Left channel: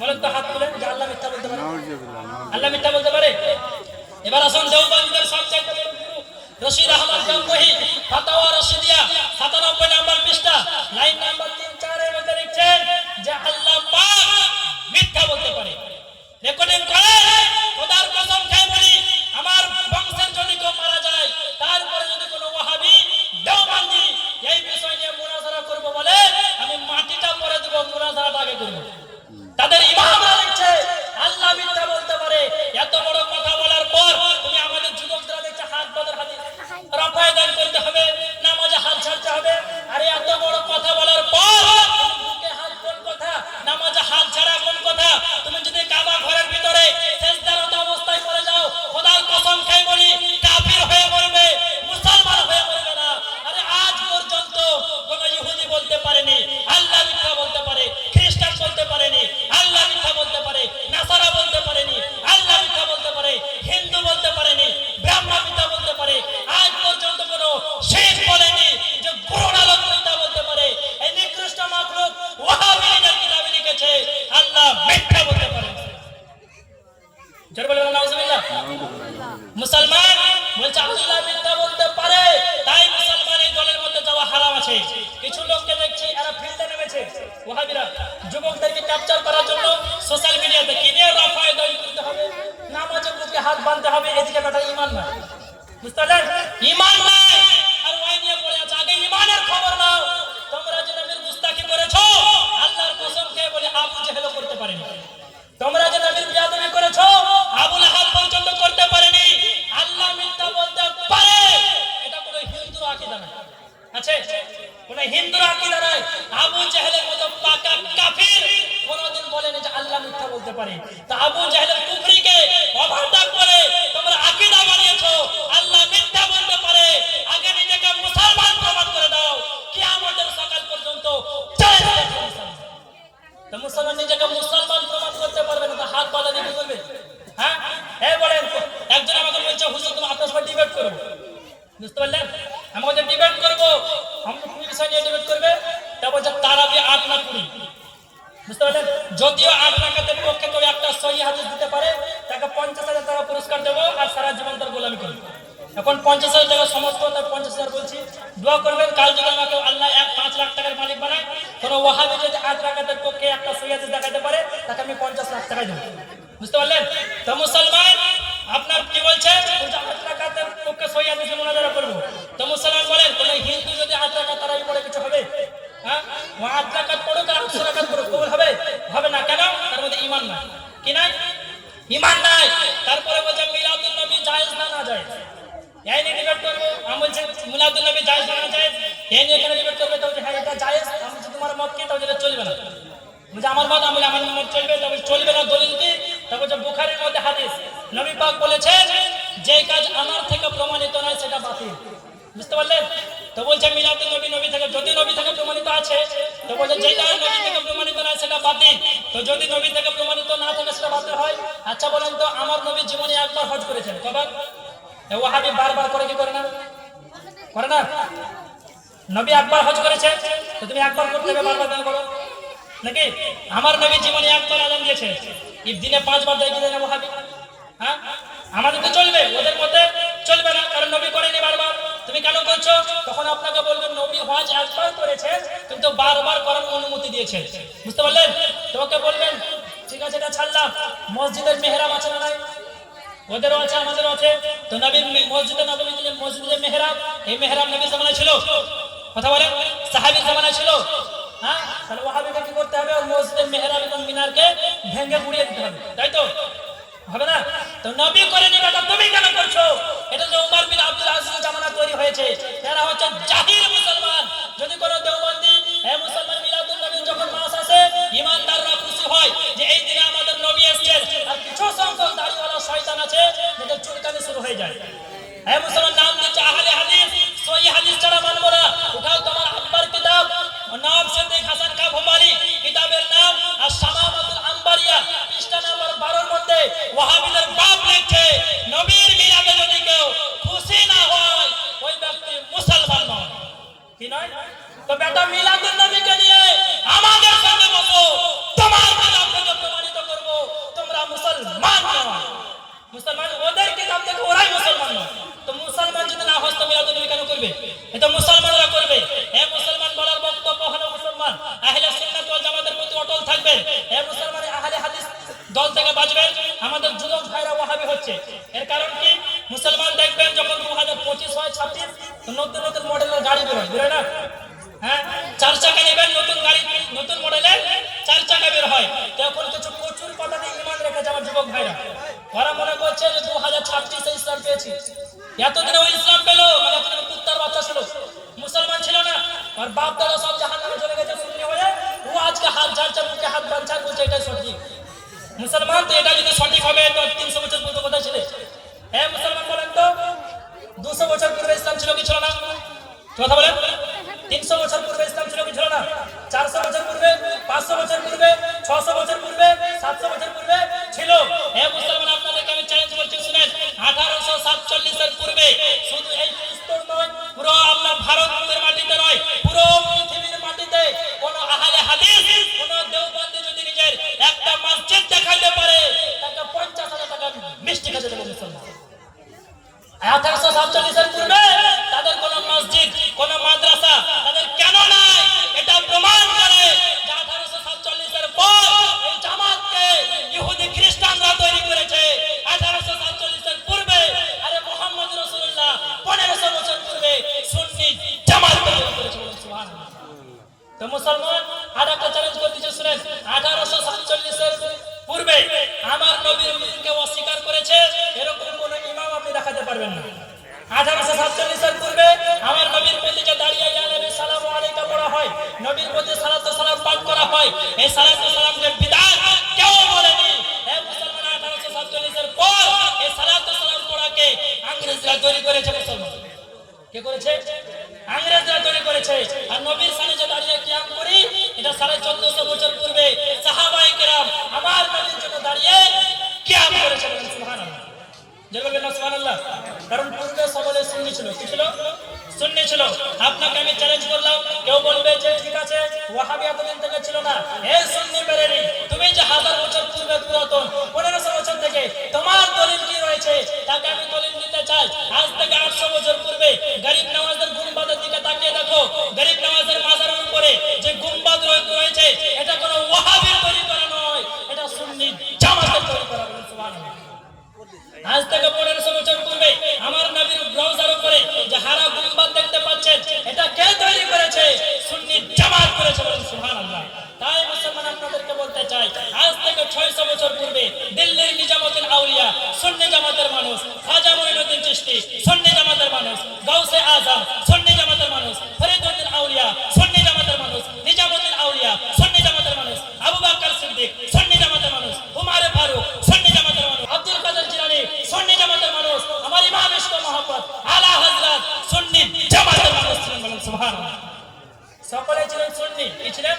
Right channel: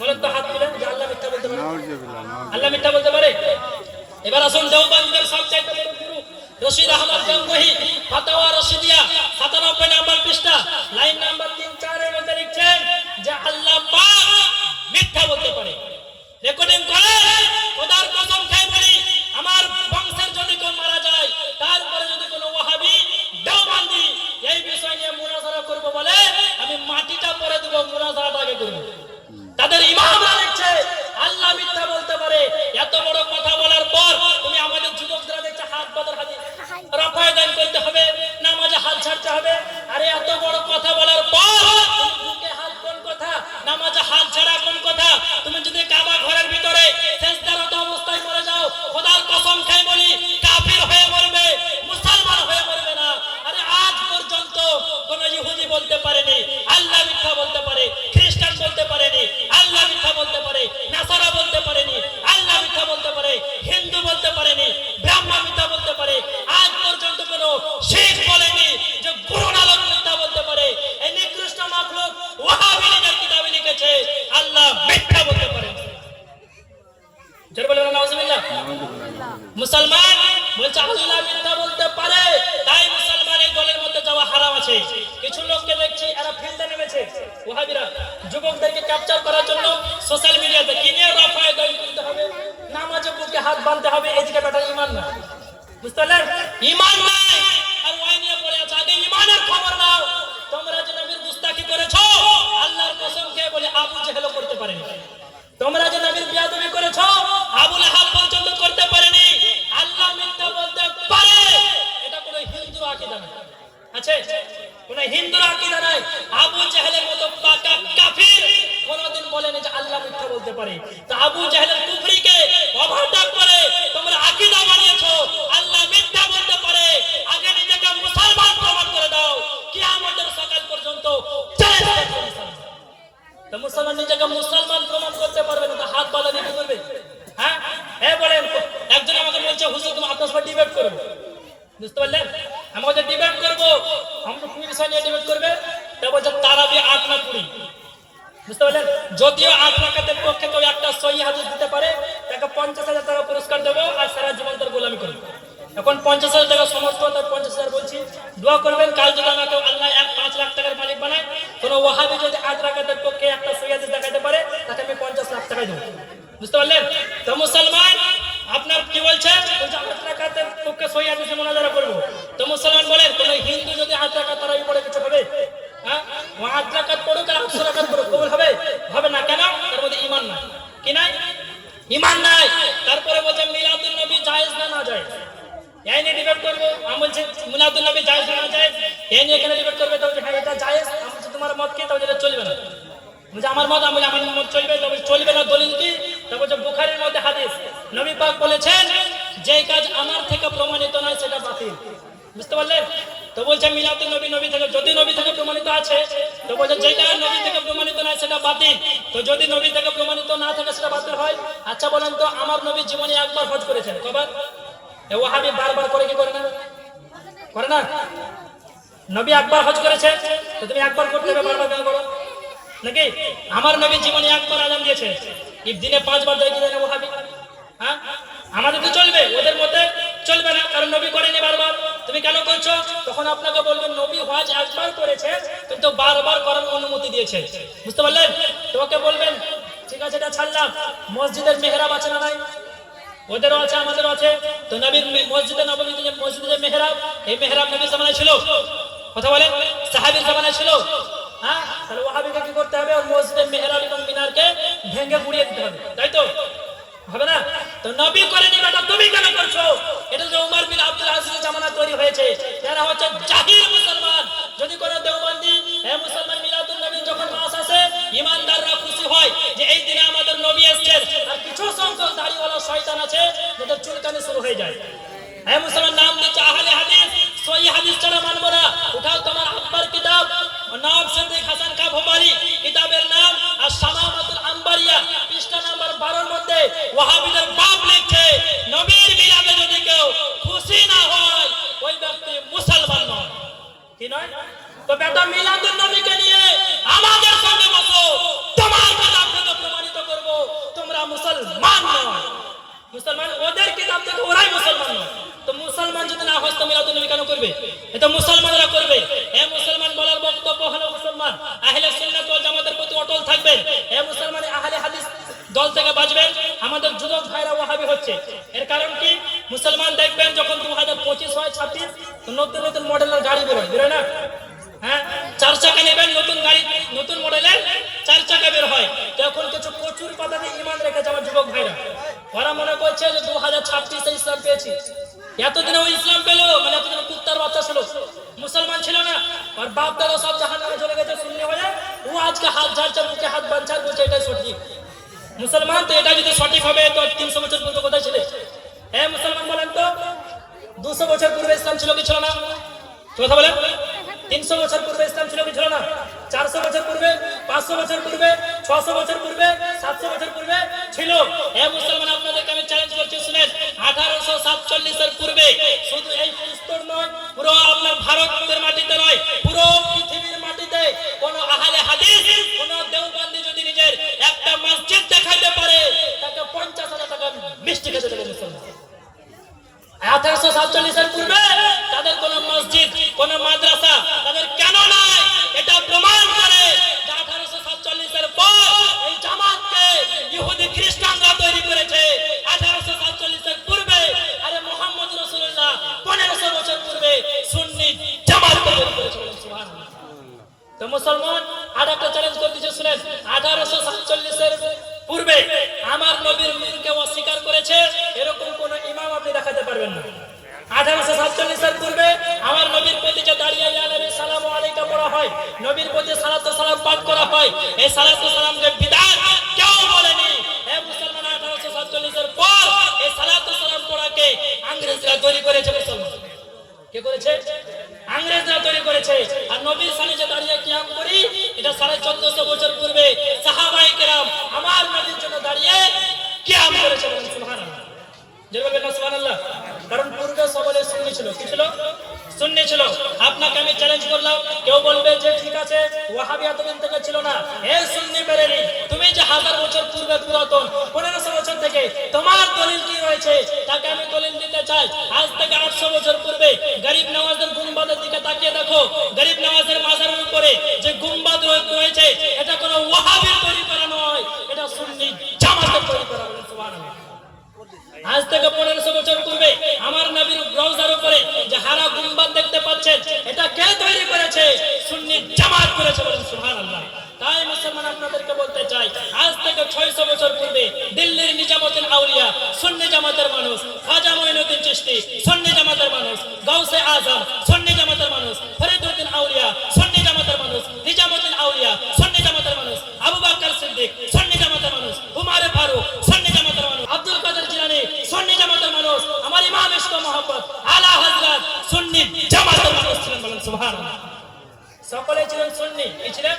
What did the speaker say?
বলেন তো, হাত তুলেন যে আল্লাহ মিথ্যা বলতে পারে? আল্লাহ মিথ্যা বলতে পারে? এবার আসুন দেওবন্দের সবচাইতে বড় গুরু রশিদ আহমদ গঙ্গোহী ফাতাওয়া রশিদিয়া 97 নম্বর পৃষ্ঠা লাইন নাম্বার 3-4 এর মধ্যে লিখছেন যে আল্লাহ পাক মিথ্যা বলতে পারে। রেকর্ডিং করে খোদার কসম খেয়ে বলি, আমার বংশের যদি কেউ মারা যায়, তারপরে যদি কোনো ওয়াহাবি দেওবন্দি এই বিষয় নিয়ে মুনাজারা করবে বলে, আমি মাটিটা পরে দেব, মুনাজারাটা আগে করব। তাদের ইমামরা লিখছে আল্লাহ মিথ্যা বলতে পারে। এত বড় কথা বলার পর তুমি আমাদের যুবকরা দেখছে হাত বাঁধার হাতে রাফায় দান করতে হবে, নামাজে হাত ছাড়তে হবে। আরে এত বড় কথা বলার পর বুকে হাত কোন কথা, নামাজে হাত ছাড়া কোন কথা? তুমি যদি কাবা ঘরের ভিতরে সেজদারত অবস্থায় পড়ে যাও, খোদার কসম খেয়ে বলি কাফির হয়ে মরবে, মুসলমান হয়ে মরবে না। আরে আজ পর্যন্ত কোন ইহুদি বলতে পারেনি আল্লাহ মিথ্যা বলতে পারে, খ্রিস্টান বলতে পারেনি আল্লাহ মিথ্যা বলতে পারে, নাসারা বলতে পারেনি আল্লাহ মিথ্যা বলতে পারে, হিন্দু বলতে পারেনি, ব্রাহ্মণ মিথ্যা বলতে পারে। আজ পর্যন্ত কোন শিখ বলেনি যে গুরু নানক মিথ্যা বলতে পারে। এই নিকৃষ্ট মাখলুক ওয়াহাবিদের কিতাবে লিখেছে আল্লাহ মিথ্যা বলতে পারে। জোরে বলেন নাউজুবিল্লাহ। মুসলমান বলছে আল্লাহ মিথ্যা বলতে পারে, তাই মুসলমান এই দলের মধ্যে যাওয়া হারাম আছে। কিছু লোককে দেখছি এরা ফিল্ডে নেমেছে, ওয়াহাবিরা যুবকদেরকে ক্যাপচার করার জন্য সোশ্যাল মিডিয়াতে কিনে রাফায় দান করতে হবে, নামাজে বুকে হাত বাঁধতে হবে। এদিকে তাদের ঈমান না, বুঝতে পারলেন? ঈমান নাই আর ওয়াই নিয়ে পড়ে আছে। আগে ঈমানের খবর নাও। তোমরা যে নবীর গুস্তাখি করেছো, আল্লাহর কসম খেয়ে বলে আবু জেহেলও করতে পারেনি। তোমরা যে নবীর বিয়াদবি করেছো, আবু লাহাব পর্যন্ত করতে পারেনি। আল্লাহ মিথ্যা বলতে পারে, এটা কোনো হিন্দুর আকীদা না। আছে কোন হিন্দুর আকীদা নাই। আবু জেহেলের মতো পাকা কাফির কোনদিন বলেনি যে আল্লাহ মিথ্যা বলতে পারে। তো আবু জেহেলের কুফরিকে ওভারটেক করে তোমরা আকীদা বানিয়েছো আল্লাহ মিথ্যা বলতে পারে। আগে নিজেকে মুসলমান প্রমাণ করে দাও, কিয়ামতের সকাল পর্যন্ত চ্যালেঞ্জ করছে। তো মুসলমান নিজেকে মুসলমান প্রমাণ করতে পারবে না, তো হাত বাঁধা দিতে বলবে? হ্যাঁ, বলেন। একজন আমাকে বলছে হুজুর তুমি আপনার সাথে ডিবেট করবে, বুঝতে পারলেন? আমাদের ডিবেট করবো, আমরা কোন বিষয় নিয়ে ডিবেট করবে? তা বলছে তারাবি 8 না 20, বুঝতে পারলেন? যদিও 8 রাকাতের পক্ষে কেউ একটা সহিহ হাদিস দিতে পারে, তাকে 50,000 টাকা পুরস্কার দেবো আর সারা জীবন তার গোলামি করবে। এখন 50,000 টাকা সমস্ত 50,000 বলছি, দোয়া করবেন কাল যদি আমাকে আল্লাহ 5 লাখ টাকার মালিক বানায়, কোন ওয়াহাবি যদি 8 রাকাতের পক্ষে একটা সহিহ হাদিস দেখাতে পারে, তাকে আমি 50 লাখ টাকা দেবো, বুঝতে পারলেন? তো মুসলমান আপনার কি বলছে? 8 রাকাতের পক্ষে সহিহ হাদিস মুনাজারা করব। তো মুসলমান বলেন কোন হিন্দু যদি 8 রাকাত তারাবি পড়ে কিছু হবে? হ্যাঁ, 8 রাকাত পড়ুক আর 800 রাকাত পড়ুক, কবুল হবে? হবে না। কেন? তার মধ্যে ঈমান নাই। কি নাই? ঈমান নাই। তারপরে বলছে মিলাদুন নবী জায়েজ না না জায়েজ, এই নিয়ে ডিবেট করবো। আমি বলছি মিলাদুন নবী জায়েজ না জায়েজ, এই নিয়ে কেন ডিবেট করবে? তো হ্যাঁ এটা জায়েজ। আমি বলছি তোমার মত কি? তাহলে এটা চলবে না। বুঝে আমার মত, আমি আমার মত চলবে, তবে চলবে না। দলিল কি? তবে যে বুখারীর মধ্যে হাদিস, নবী পাক বলেছেন যে কাজ আমার থেকে প্রমাণিত নয় সেটা বাতিল, বুঝতে পারলেন? তো বলছে মিলাদুন নবী নবী থেকে, যদি নবী থেকে প্রমাণিত আছে তো বলছে যেটা নবী থেকে প্রমাণিত নয় সেটা বাতিল। তো যদি নবী থেকে প্রমাণিত না থাকে সেটা বাতিল হয়। আচ্ছা বলেন তো, আমার নবী জীবনে একবার হজ করেছেন, কবার? ওয়াহাবি বারবার করে কি করে না? করে না? নবী একবার হজ করেছে, তো তুমি একবার করতে হবে, বারবার করো নাকি? আমার নবী জীবনে একবার আযান দিয়েছে, দিনে 5 বার দেয় দিলেন ওয়াহাবি। হ্যাঁ, আমাদের তো চলবে, ওদের মতে চলবে না, কারণ নবী করেনি বারবার। তুমি কেন করছো? তখন আপনাকে বলবেন নবী হজ একবার করেছে কিন্তু বারবার করার অনুমতি দিয়েছে, বুঝতে পারলেন? তোমাকে বলবেন ঠিক আছে এটা ছাড়লাম, মসজিদের মেহরাব আছে না নাই? ওদেরও আছে আমাদেরও আছে। তো নবীর মসজিদে নববী যে মসজিদের মেহরাব, এই মেহরাব নবীর জামানায় ছিল? কথা বলেন, সাহাবীর জামানায় ছিল? হ্যাঁ, তাহলে ওয়াহাবিকে কি করতে হবে? ওর মসজিদের মেহরাব এবং মিনারকে ভেঙে গুড়িয়ে দিতে হবে, তাই তো? হবে না? তো নবী করেনি, এটা তুমি কেন করছো? এটা যে উমর বিন আব্দুল আজিজের জামানা তৈরি হয়েছে, এরা হচ্ছে জাহিল মুসলমান। যদি কোনো দেওবন্দি মুসলমান মিলাদুন নবী যখন মাস আসে, ইমানদাররা খুশি হয় যে এই দিনে আমাদের নবী এসেছেন, আর কিছু সংখ্যক দাড়িওয়ালা শয়তান আছে যাদের চুলকানি শুরু হয়ে যায়। মুসলমান নাম দিচ্ছে আহলে হাদিস, সহিহ হাদিস ছাড়া মানবো না। উঠাও তোমার আব্বার কিতাব নওয়াব সিদ্দিক হাসান কা ভোপালি, কিতাবের নাম আশ-শামামাতুল আনবারিয়া, পৃষ্ঠা নাম্বার 12 এর মধ্যে ওয়াহাবিদের বাপ লিখছে নবীর মিলাদে যদি কেউ খুশি না হয় ওই ব্যক্তি মুসলমান নয়। কি নয়? তো বেটা মিলাদুন নবীকে নিয়ে আমাদের সামনে বসো, তোমার কিতাব থেকে প্রমাণিত করে না? হ্যাঁ, 4 চাকা নেবেন, নতুন গাড়ি নতুন মডেলের 4 চাকা বের হয়, তখন কিছু প্রচুর পাতাতে ইমান রেখেছে আমার যুবক ভাইরা। ওরা মনে করছে যে 2036 ইসলাম পেয়েছি। এতদিনে ওই ইসলাম পেলো, মানে এতদিন কুত্তার বাচ্চা ছিল, মুসলমান ছিল না, আর বাপ দাদা সব জাহান্নামে চলে গেছে শুনলে বলে ও আজকে হাত ঝাড়ছে, মুখে হাত বাঁধছে, বলছে এটাই সঠিক মুসলমান। তো এটা যদি সঠিক হবে তো 300 বছর পূর্বে কোথায় ছিল? হ্যাঁ মুসলমান বলেন তো, 200 বছর পূর্বে ইসলাম ছিল কি ছিল না? কথা বলেন। 300 বছর পূর্বে ইসলাম ছিল কি ছিল না? 400 বছর পূর্বে, 500 বছর পূর্বে, 600 বছর পূর্বে, 700 বছর পূর্বে ছিল। হ্যাঁ মুসলমান, আপনাদেরকে আমি চ্যালেঞ্জ করছি, শুনেন, 1847 এর পূর্বে শুধু এই ফিলিস্তিন নয়, পুরো আপনার ভারতের মাটিতে নয়, পুরো পৃথিবীর মাটিতে কোন আহলে হাদিস, কোন দেওবন্দি যদি নিজের একটা মসজিদ দেখাইতে পারে, তাকে 50,000 টাকা মিষ্টি খেতে দেবে মুসলমান। 1847 এর পূর্বে তাদের কোন মসজিদ, কোন মাদ্রাসা তাদের কেন নাই, এটা প্রমাণ করে যে 1847 এর পর এই জামাতকে ইহুদি খ্রিস্টানরা তৈরি করেছে। 1847 এর পূর্বে আরে মুহাম্মদ রাসূলুল্লাহ 1500 বছর পূর্বে সুন্নি জামাত তৈরি করেছে। সুবহানাল্লাহ। তো মুসলমান আর একটা চ্যালেঞ্জ করতেছে, শুনেন, 1847 এর পূর্বে আমার নবীর মুখকে অস্বীকার করেছে এরকম কোন ইমাম আপনি দেখাতে পারবেন না। 1847 এর পূর্বে আমার নবীর প্রতি যে দাঁড়িয়ে ইয়া নবী সালামু আলাইকা পড়া হয়, নবীর প্রতি সালাতু সালাম পাঠ করা হয়, এই সালাতু সালামের বিদআত কেউ বলেনি। হে মুসলমান, 1847 এর পর এই সালাতু সালাম পড়াকে ইংরেজরা তৈরি করেছে। মুসলমান কে করেছে? ইংরেজরা তৈরি করেছে। আর নবীর সামনে যে দাঁড়িয়ে কিয়াম করি, এটা 1450 বছর পূর্বে সাহাবায়ে কেরাম আমার নবীর জন্য দাঁড়িয়ে কিয়াম করেছে। সুবহানাল্লাহ, যে বলবেন না সুবহানাল্লাহ। কারণ পূর্বে সকলে সুন্নি ছিল, কি ছিল? সুন্নি ছিল। আপনাকে আমি চ্যালেঞ্জ করলাম, কেউ বলবে যে ঠিক আছে ওয়াহাবি এতদিন থেকে ছিল না, এই সুন্নি বেরেনি, তুমি যে 1000 বছর পূর্বে পুরাতন 1500 বছর থেকে তোমার দলিল কি রয়েছে, তাকে আমি দলিল দিতে চাই। আজ থেকে 800 বছর পূর্বে গরিব নওয়াজের গুম্বাদের দিকে তাকিয়ে দেখো, গরিব নওয়াজের মাজারের উপরে যে গুম্বাদ রয়েছে এটা কোনো ওয়াহাবির তৈরি করা নয়, এটা সুন্নি জামাতের তৈরি করা। সুবহানাল্লাহ। আজ থেকে 1500 বছর পূর্বে আমার নবীর রওজার উপরে যে হারা গুম্বাদ দেখতে পাচ্ছেন, এটা কে তৈরি করেছে? সুন্নি জামাত করেছে। সুবহানাল্লাহ। তাই মুসলমান আপনাদেরকে বলতে চাই, আজ থেকে 600 বছর পূর্বে দিল্লির নিজামুদ্দিন আউলিয়া সুন্নি জামাতের মানুষ, খাজা মঈনুদ্দিন চিশতি সুন্নি জামাতের মানুষ, গাউসে আজম সুন্নি জামাতের মানুষ, ফরিদউদ্দিন আউলিয়া সুন্নি জামাতের মানুষ, নিজামুদ্দিন আউলিয়া সুন্নি জামাতের মানুষ, আবু বকর সিদ্দিক সুন্নি জামাতের মানুষ, উমর ফারুক সুন্নি জামাতের মানুষ, আব্দুল কাদের জিলানী সুন্নি জামাতের মানুষ, আমার ইমাম ইশক মোহাম্মদ আলা হযরত সুন্নি জামাতের মানুষ ছিলেন। বলেন সুবহানাল্লাহ। সকলে ছিলেন সুন্নি। কি ছিলেন?